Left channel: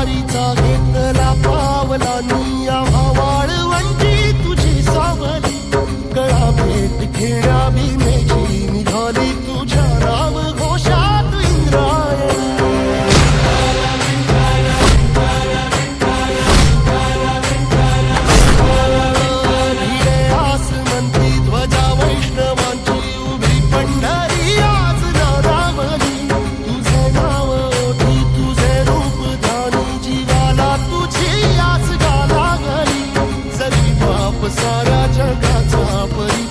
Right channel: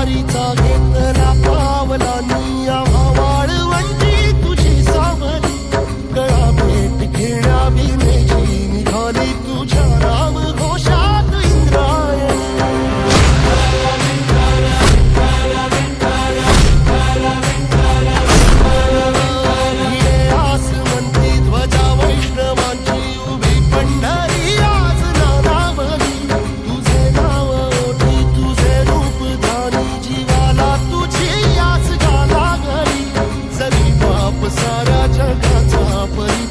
वारीचा घेतला पावलांनी आम्हा वाळवंटी तुझी सावली कळा भेट घेण्या भीमेची निघाली तुझ्या नाम घोषात इंद्रायणी भिडे आसमंती ध्वजा वैष्णवांची उभी पंढरी आज नानावली तुझे नाव ओठी तुझे रूप ध्यानी जीवाला तुझी आस गा लागली जरी बाप साऱ्या जगाचा परी